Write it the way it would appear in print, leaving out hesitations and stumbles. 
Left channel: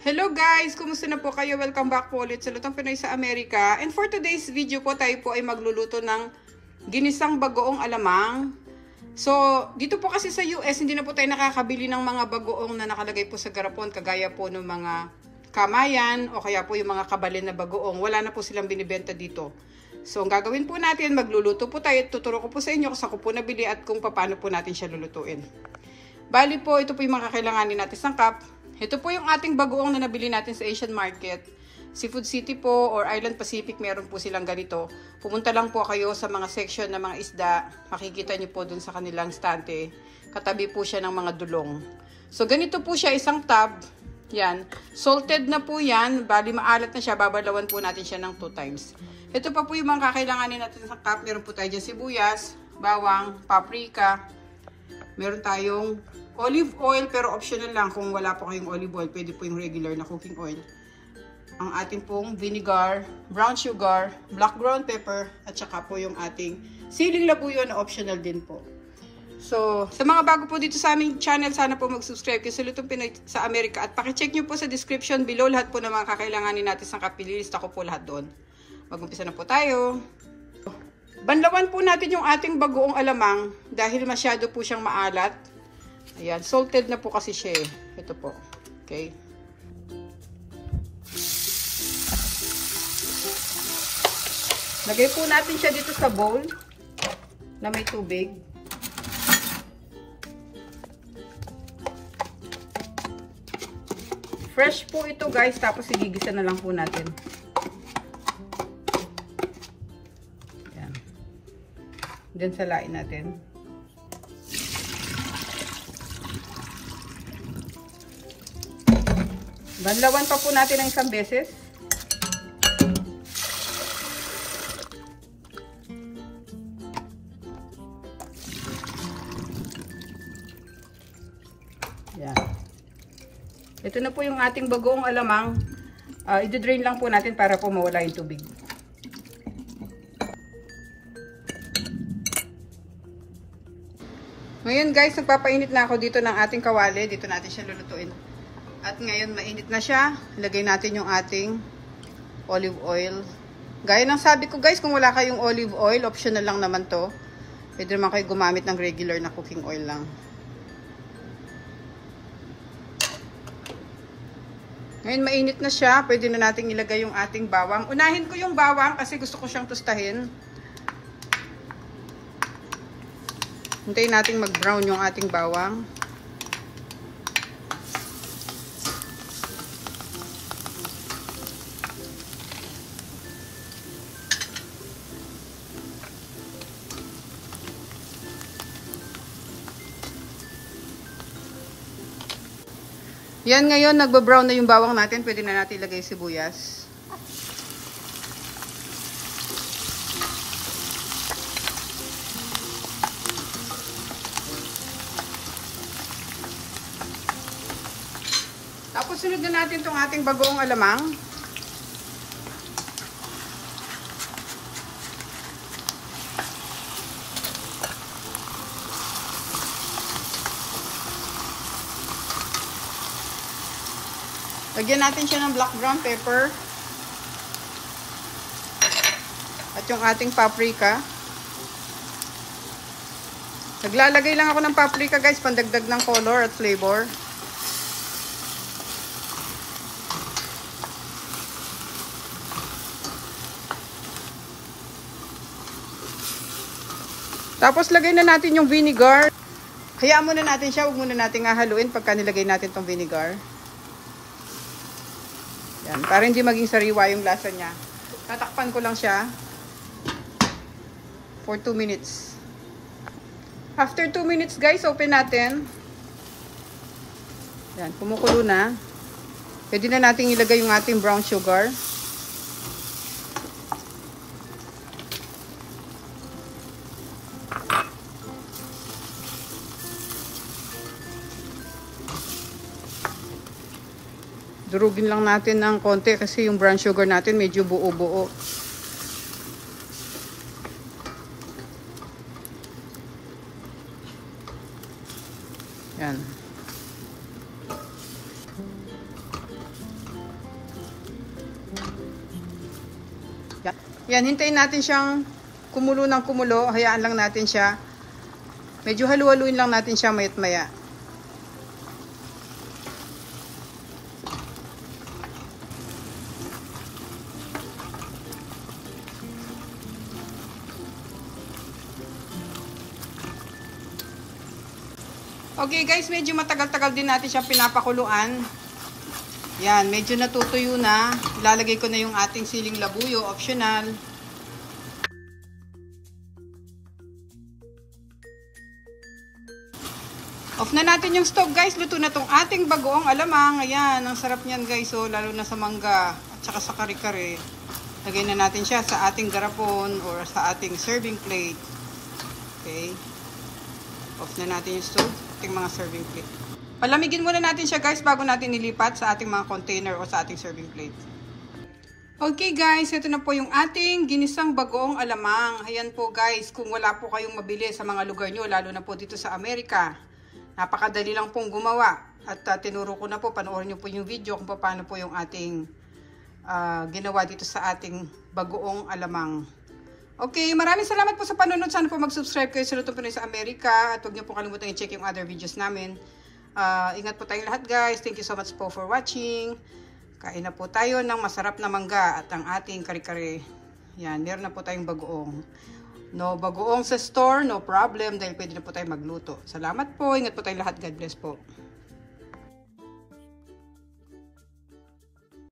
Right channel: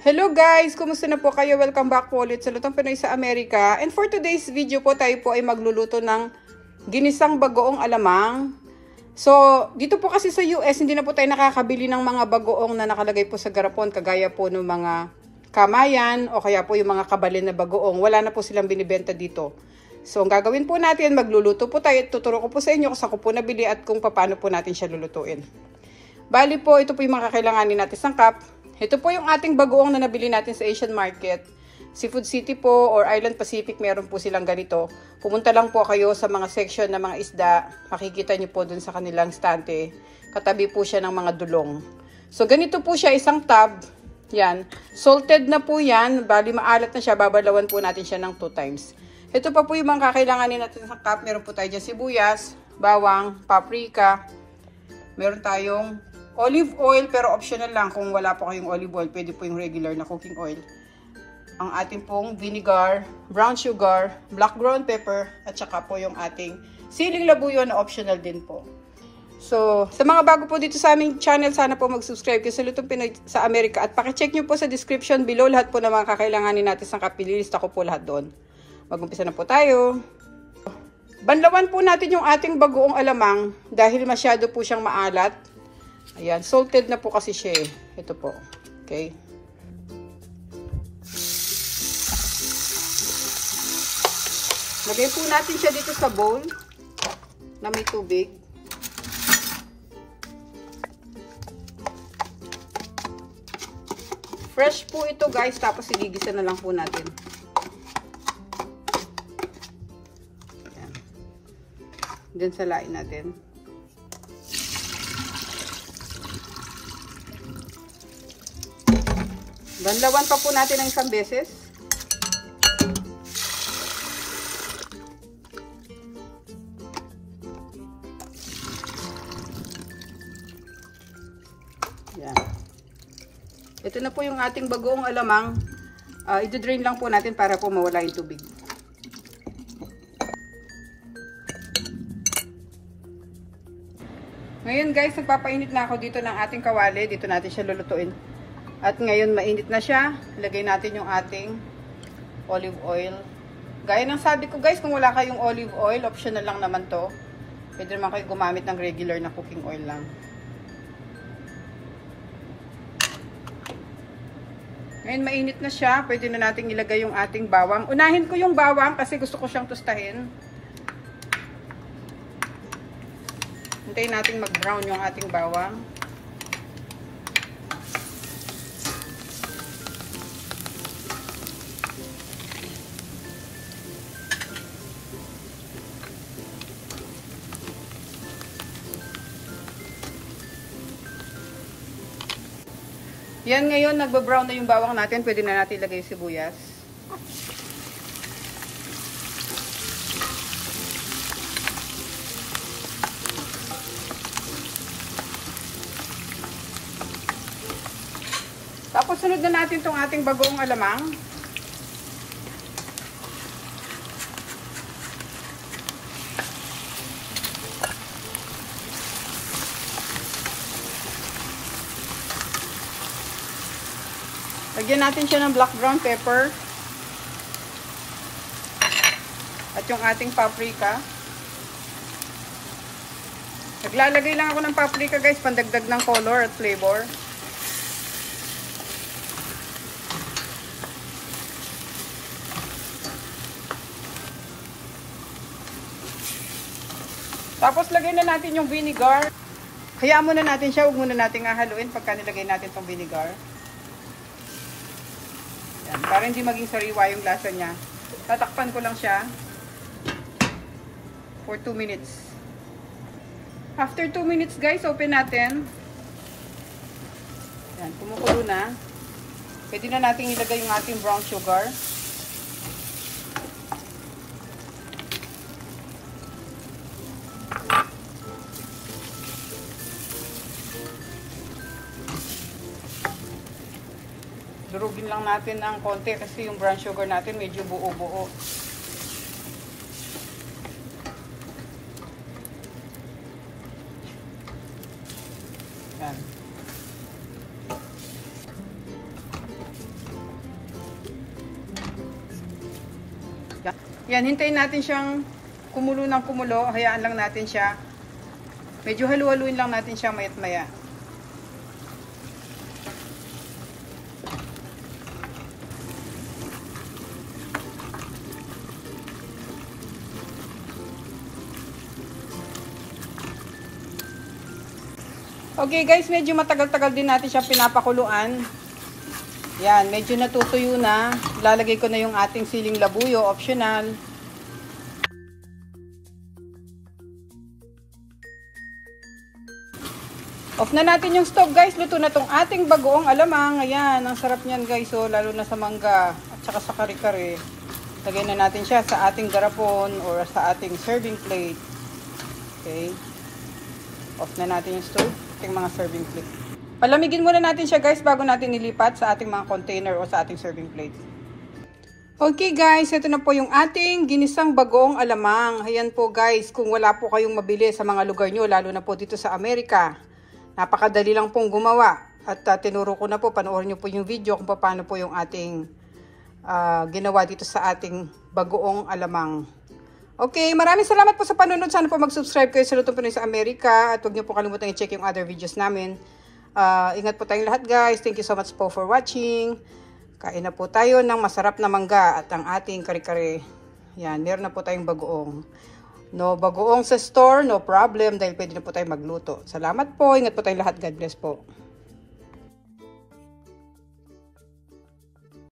Hello guys! Kumusta na po kayo? Welcome back po ulit sa Lutong Pinoy sa Amerika. And for today's video po, tayo po ay magluluto ng ginisang bagoong alamang. So, dito po kasi sa US, hindi na po tayo nakakabili ng mga bagoong na nakalagay po sa garapon, kagaya po ng mga kamayan o kaya po yung mga kabalin na bagoong. Wala na po silang binibenta dito. So, ang gagawin po natin, magluluto po tayo. Tuturo ko po sa inyo kung saan ko po nabili at kung paano po natin siya lulutuin. Bali po, ito po yung mga kakailanganin natin sangkap. Ito po yung ating bagoong na nabili natin sa Asian Market. Seafood City po or Island Pacific, meron po silang ganito. Pumunta lang po kayo sa mga section ng mga isda. Makikita nyo po dun sa kanilang stante. Katabi po siya ng mga dulong. So ganito po siya, isang tub. Yan. Salted na po yan. Bali maalat na siya. Babalawan po natin siya ng 2 times. Ito pa po yung mga kakailanganin natin sa cup. Meron po tayo dyan sibuyas, bawang, paprika. Meron tayong olive oil, pero optional lang kung wala po kayong olive oil. Pwede po yung regular na cooking oil. Ang ating pong vinegar, brown sugar, black ground pepper, at saka po yung ating siling labuyo na optional din po. So, sa mga bago po dito sa aming channel, sana po mag-subscribe kayo sa Lutong Pinoy sa Amerika. At pakicheck nyo po sa description below lahat po ng mga kakailanganin natin sa kapililista ko po lahat doon. Mag-umpisa na po tayo. Banlawan po natin yung ating bagoong alamang dahil masyado po siyang maalat. Ayan, salted na po kasi siya eh. Ito po. Okay. Lagay po natin siya dito sa bowl na may tubig. Fresh po ito guys, tapos igigisa na lang po natin. Ayan. Diyan sa lain natin. Banlawan pa po natin ng isang beses. Yan. Ito na po yung ating bagoong alamang. I-drain lang po natin para po mawala yung tubig. Ngayon guys, nagpapainit na ako dito ng ating kawali. Dito natin siya lulutuin. At ngayon mainit na siya, lagay natin yung ating olive oil. Gaya ng sabi ko guys, kung wala kayong olive oil, optional lang naman to. Pwede naman kayo gumamit ng regular na cooking oil lang. Ngayon mainit na siya, pwede na natin ilagay yung ating bawang. Unahin ko yung bawang kasi gusto ko siyang tustahin. Hintayin natin mag-brown yung ating bawang. Yan, ngayon nagbo-brown na yung bawang natin, pwede na natin ilagay sibuyas. Tapos sunod na natin itong ating bagoong alamang. Lagyan natin siya ng black ground pepper. At yung ating paprika. Naglalagay lang ako ng paprika guys, pandagdag ng color at flavor. Tapos lagay na natin yung vinegar. Hayaan muna natin siya, huwag muna natin hahaluin pagka nilagay natin tong vinegar. Yan, para hindi maging sariwa yung lasa niya. Tatakpan ko lang siya for 2 minutes. After 2 minutes guys, open natin. Yan, kumukulo na. Pwede na natin ilagay yung ating brown sugar. Durugin lang natin ng konti kasi yung brown sugar natin medyo buo-buo. Yan. Yan, hintayin natin siyang kumulo ng kumulo. Hayaan lang natin siya. Medyo halu-haluin lang natin siya mayat maya. Okay guys, medyo matagal-tagal din natin siya pinapakuluan. Yan, medyo natutuyo na. Ilalagay ko na yung ating siling labuyo, optional. Off na natin yung stove guys. Luto na tong ating bagoong alamang. Ayan, ang sarap niyan guys. So, lalo na sa mangga at saka sa kare-kare. Lagay na natin siya sa ating garapon or sa ating serving plate. Okay. Off na natin yung stove. Ating mga serving plate. Palamigin muna natin siya guys bago natin nilipat sa ating mga container o sa ating serving plate. Okay guys, ito na po yung ating ginisang bagoong alamang. Ayan po guys, kung wala po kayong mabili sa mga lugar nyo, lalo na po dito sa Amerika, napakadali lang pong gumawa. At tinuro ko na po, panoorin nyo po yung video kung paano po yung ating ginawa dito sa ating bagoong alamang. Okay, maraming salamat po sa panonood. Sana po mag-subscribe kayo sa Lutong Pinoy sa Amerika. At huwag niyo po kalimutan i-check yung other videos namin. Ingat po tayong lahat guys. Thank you so much po for watching. Kain na po tayo ng masarap na mangga at ang ating kare-kare. Yan, meron na po tayong bagoong. No bagoong sa store, no problem. Dahil pwede na po tayong magluto. Salamat po. Ingat po tayong lahat. God bless po.